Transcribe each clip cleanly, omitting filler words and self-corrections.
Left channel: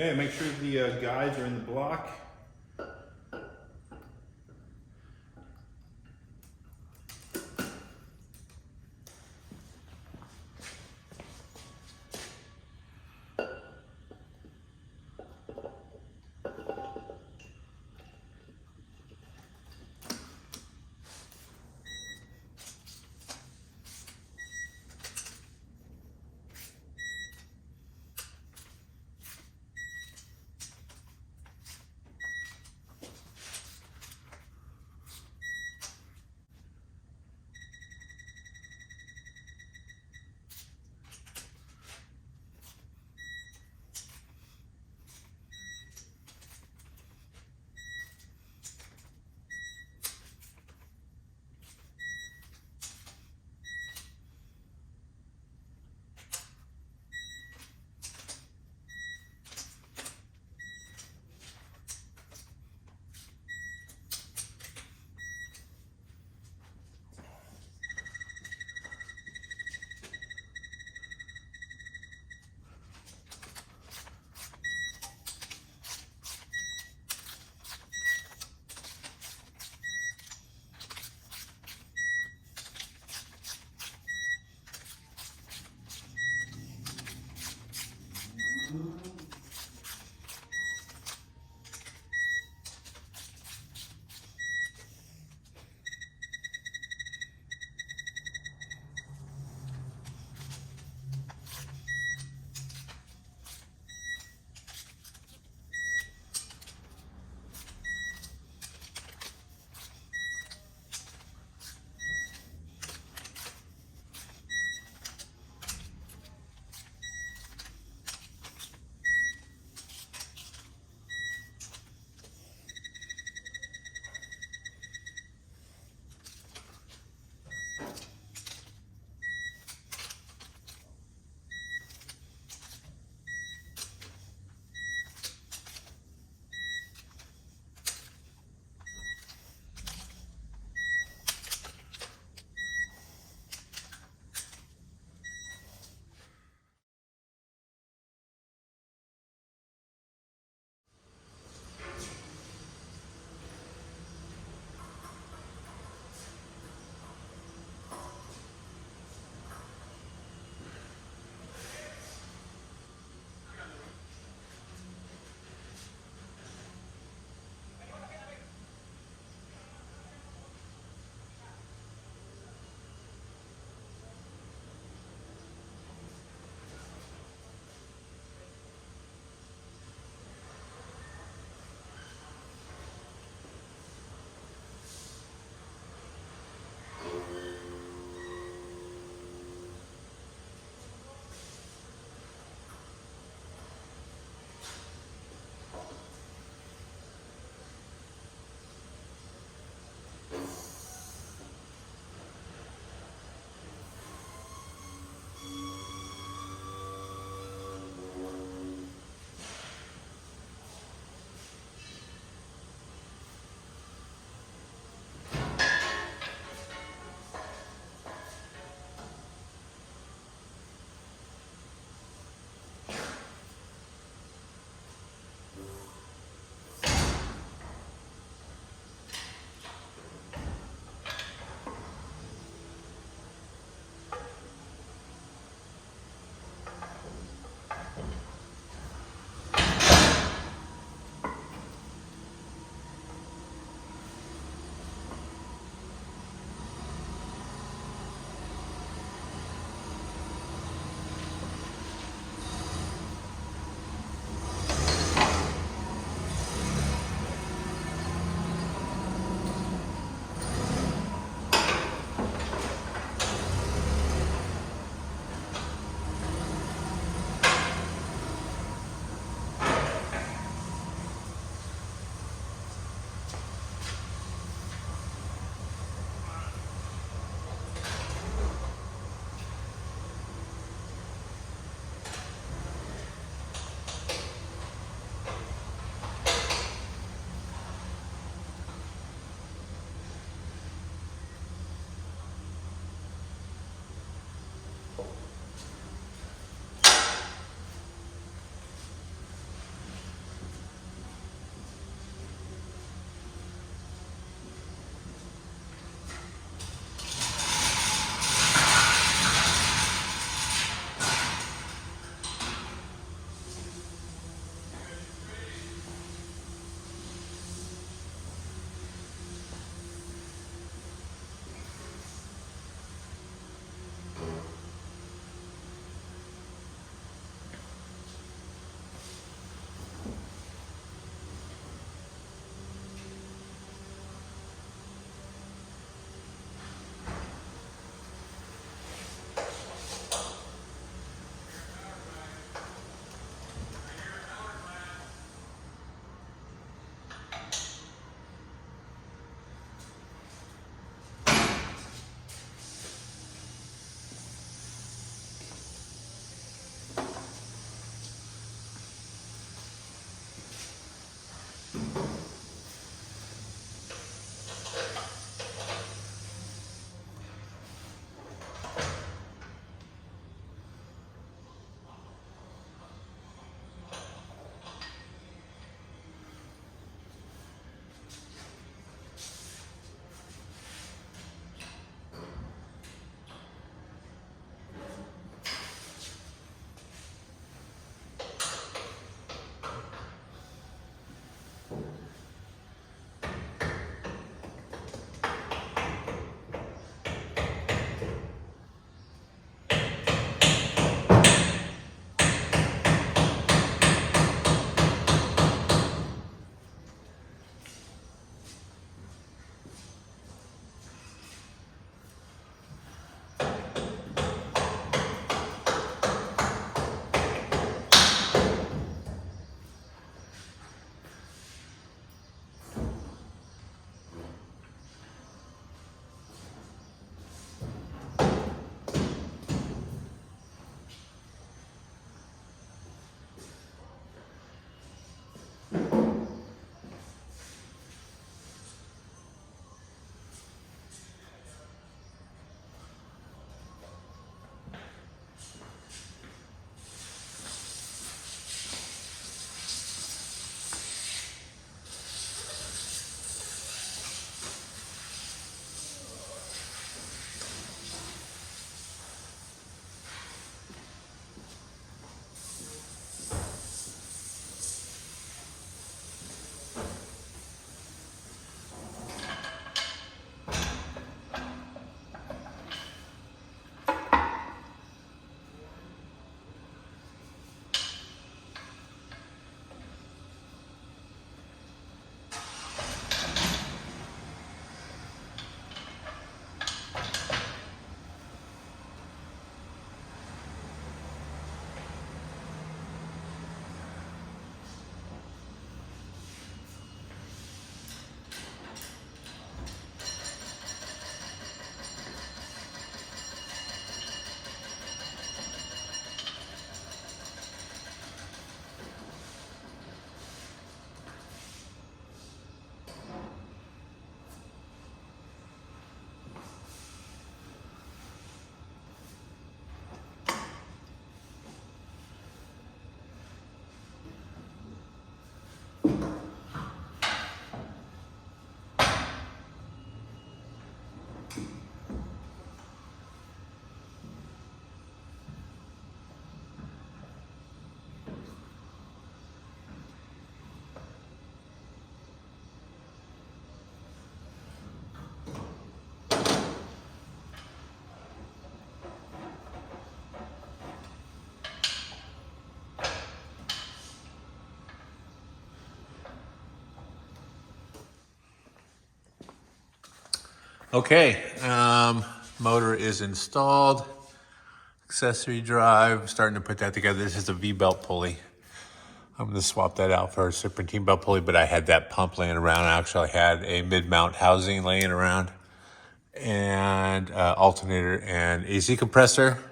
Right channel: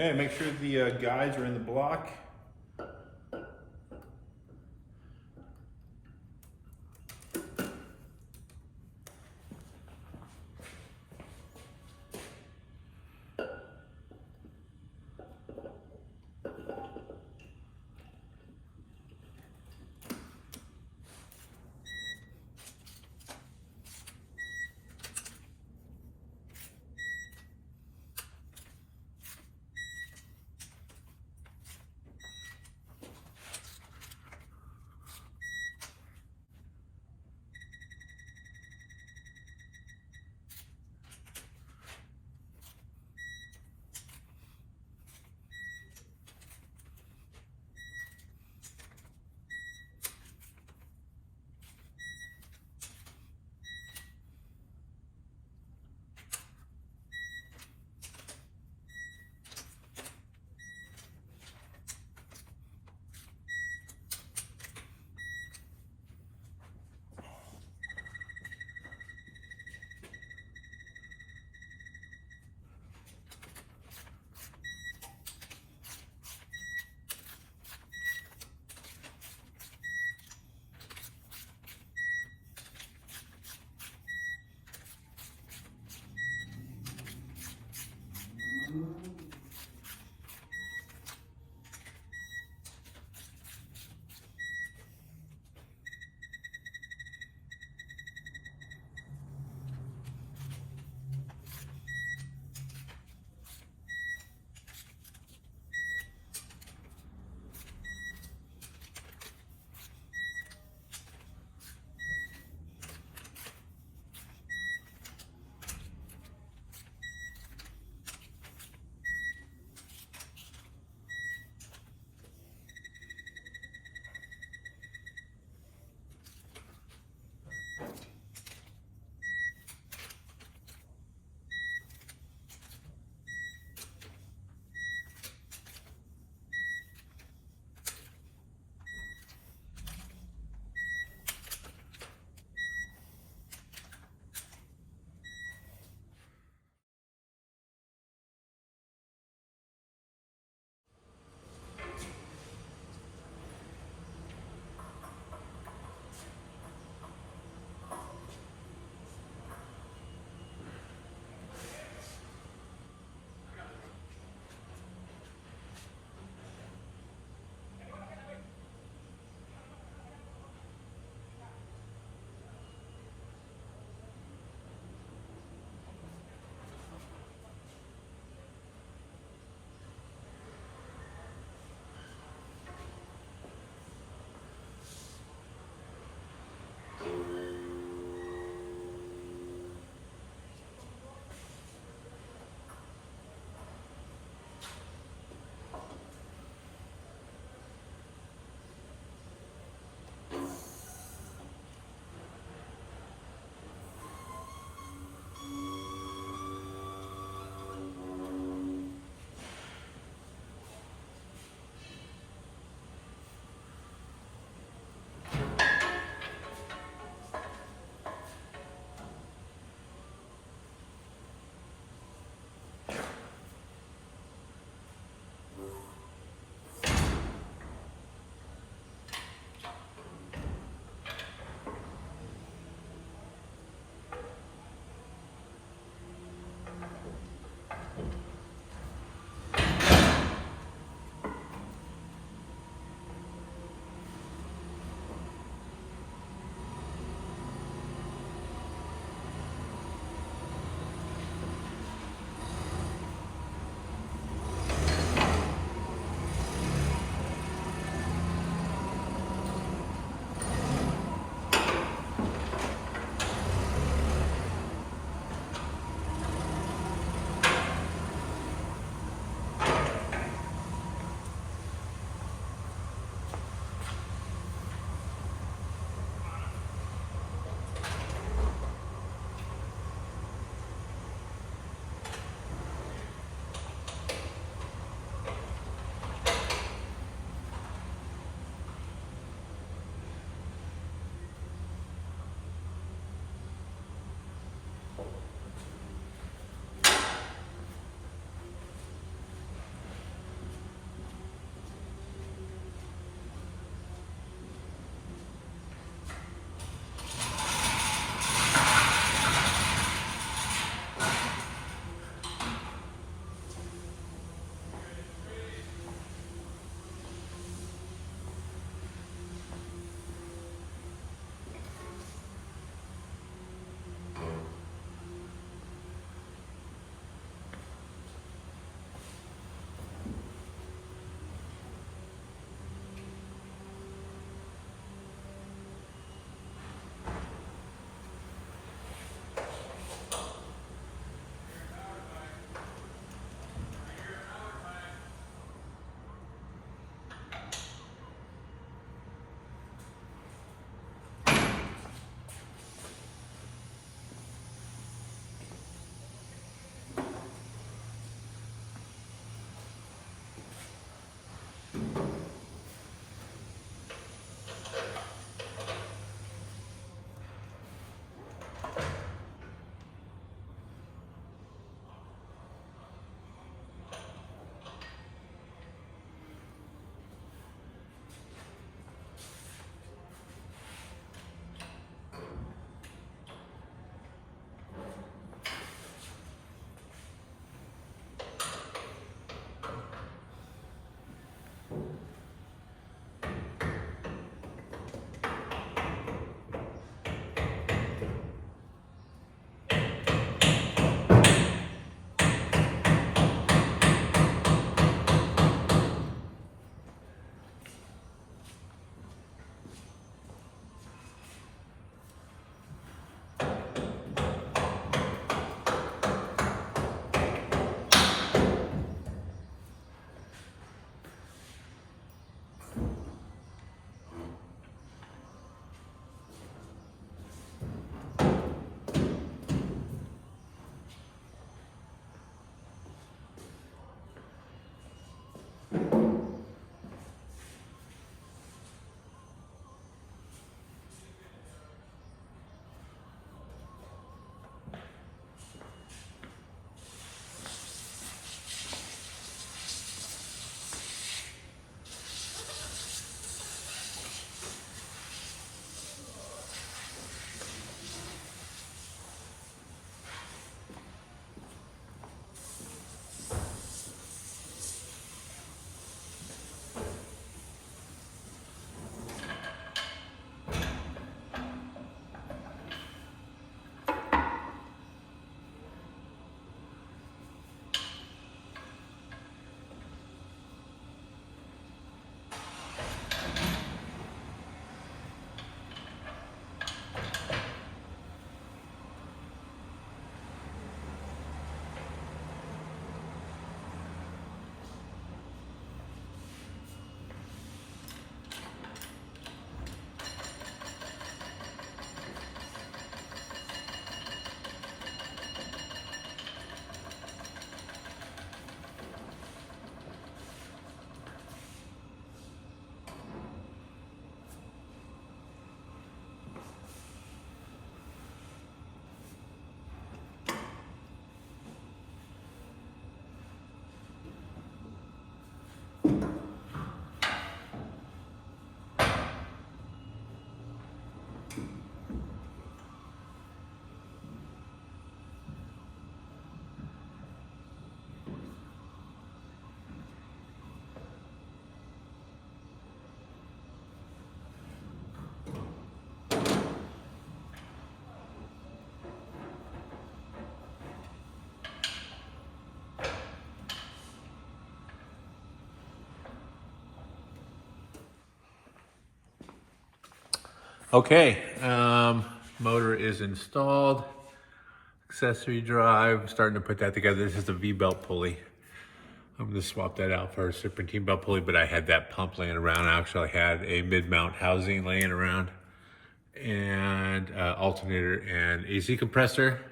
Okay, make sure the guides are in the block. Okay, motor is installed. Accessory drive, starting to put that together. This is a V-belt pulley. I'm gonna swap that out for a serpentine belt pulley, but I had that pump laying around. I actually had a mid-mount housing laying around and alternator and AC compressor.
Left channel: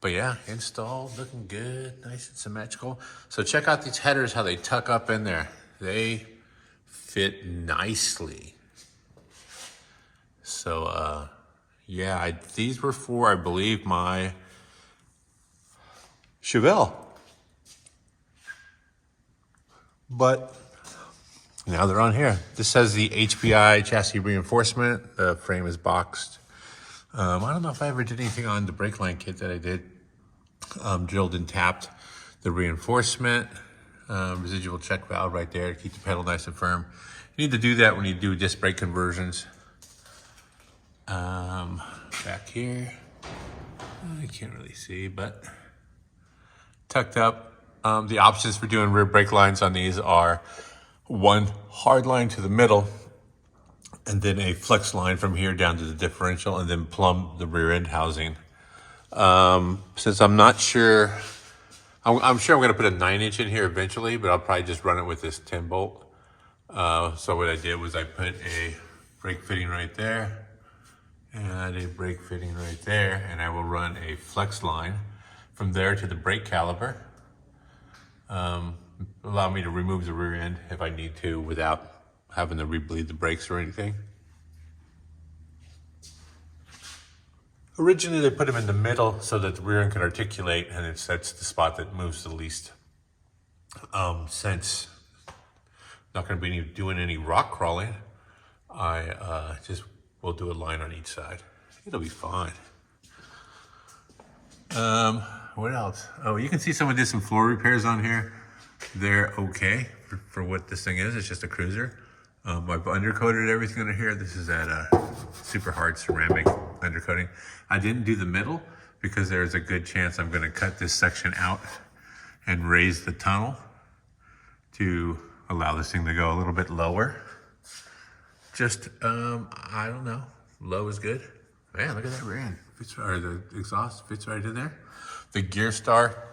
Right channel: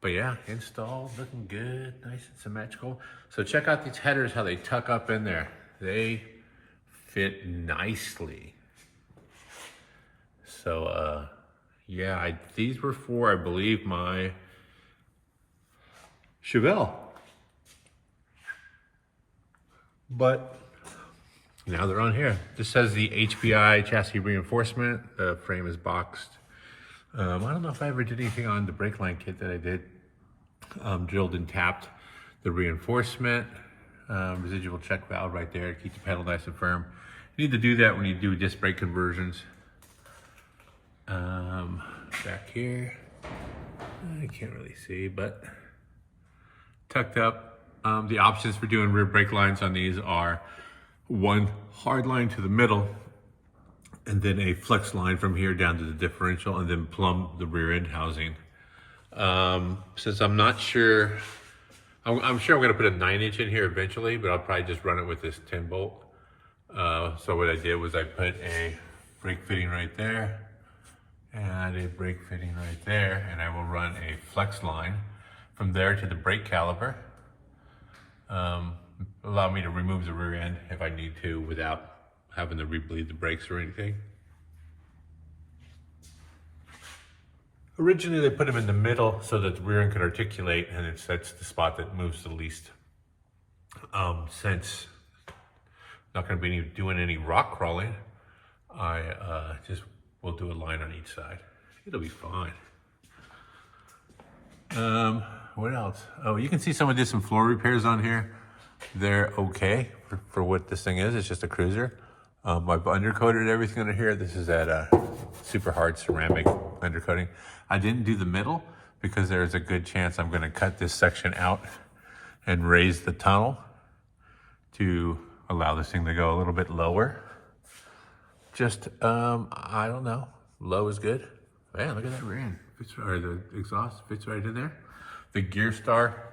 But yeah, installed, looking good, nice and symmetrical. So check out these headers, how they tuck up in there. They fit nicely. So yeah, these were for, I believe, my Chevelle. But now they're on here. This says the HPI chassis reinforcement. The frame is boxed. I don't know if I ever did anything on the brake line kit that I did. Drilled and tapped the reinforcement. Residual check valve right there to keep the pedal nice and firm. You need to do that when you do disc brake conversions. Back here, I can't really see, but tucked up. The options for doing rear brake lines on these are one hard line to the middle, and then a flex line from here down to the differential, and then plumb the rear end housing. Since I'm not sure, I'm sure I'm gonna put a 9-inch in here eventually, but I'll probably just run it with this 10 bolt. So what I did was I put a brake fitting right there and a brake fitting right there, and I will run a flex line from there to the brake caliper. Allow me to remove the rear end if I need to without having to rebleed the brakes or anything. Originally, they put them in the middle so that the rear end can articulate, and that's the spot that moves the least. Since I'm not going to be doing any rock crawling, I just will do a line on each side. It'll be fine. What else? Oh, you can see someone did some floor repairs on here. They're okay for what this thing is. It's just a cruiser. I've undercoated everything under here. This is that super hard ceramic undercoating. I didn't do the middle because there's a good chance I'm going to cut this section out and raise the tunnel to allow this thing to go a little bit lower. Just, I don't know. Low is good. Man, look at that rear end. Or the exhaust fits right in there. The Gear Star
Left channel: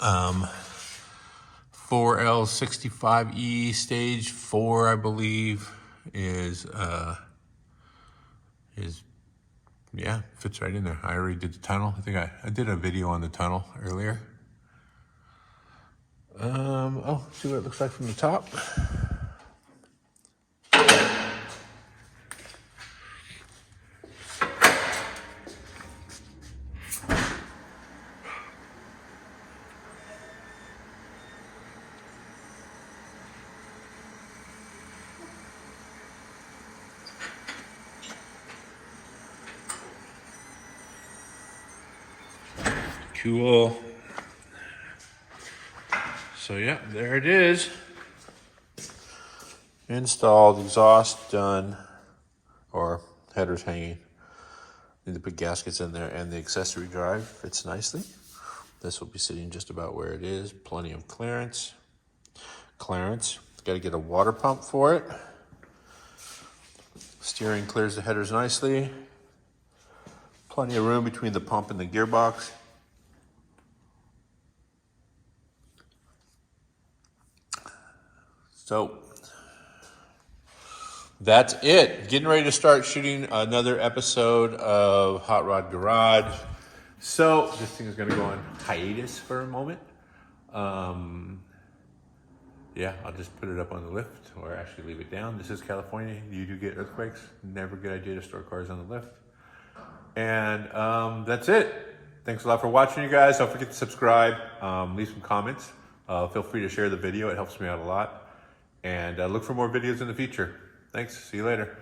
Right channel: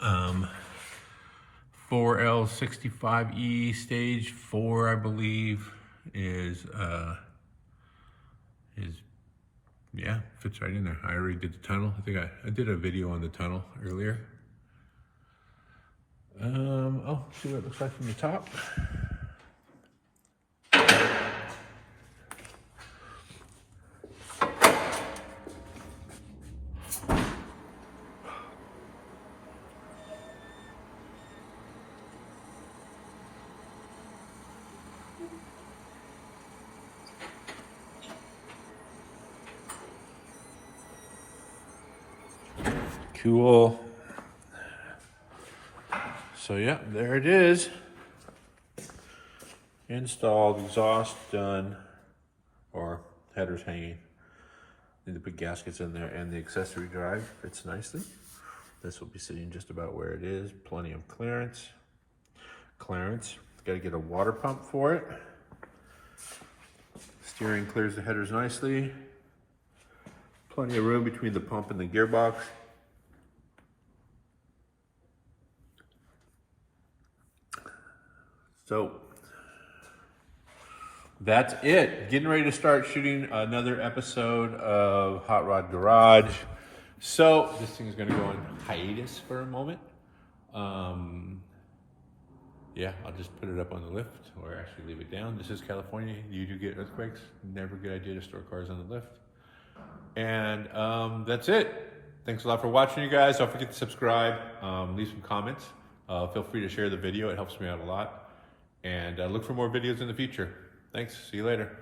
4L65E stage 4, I believe, is yeah, fits right in there. I already did the tunnel. I think I did a video on the tunnel earlier. Oh, see what it looks like from the top. Cool. So yeah, there it is. Installed, exhaust done, or headers hanging. Need to put gaskets in there, and the accessory drive fits nicely. This will be sitting just about where it is. Plenty of clearance. Got to get a water pump for it. Steering clears the headers nicely. Plenty of room between the pump and the gearbox. So that's it. Getting ready to start shooting another episode of Hot Rod Garage. So this thing is going to go on hiatus for a moment. Yeah, I'll just put it up on the lift or actually leave it down. This is California. You do get earthquakes. Never a good idea to store cars on the lift. And that's it. Thanks a lot for watching, you guys. Don't forget to subscribe. Leave some comments. Feel free to share the video. It helps me out a lot. And look for more videos in the future. Thanks. See you later.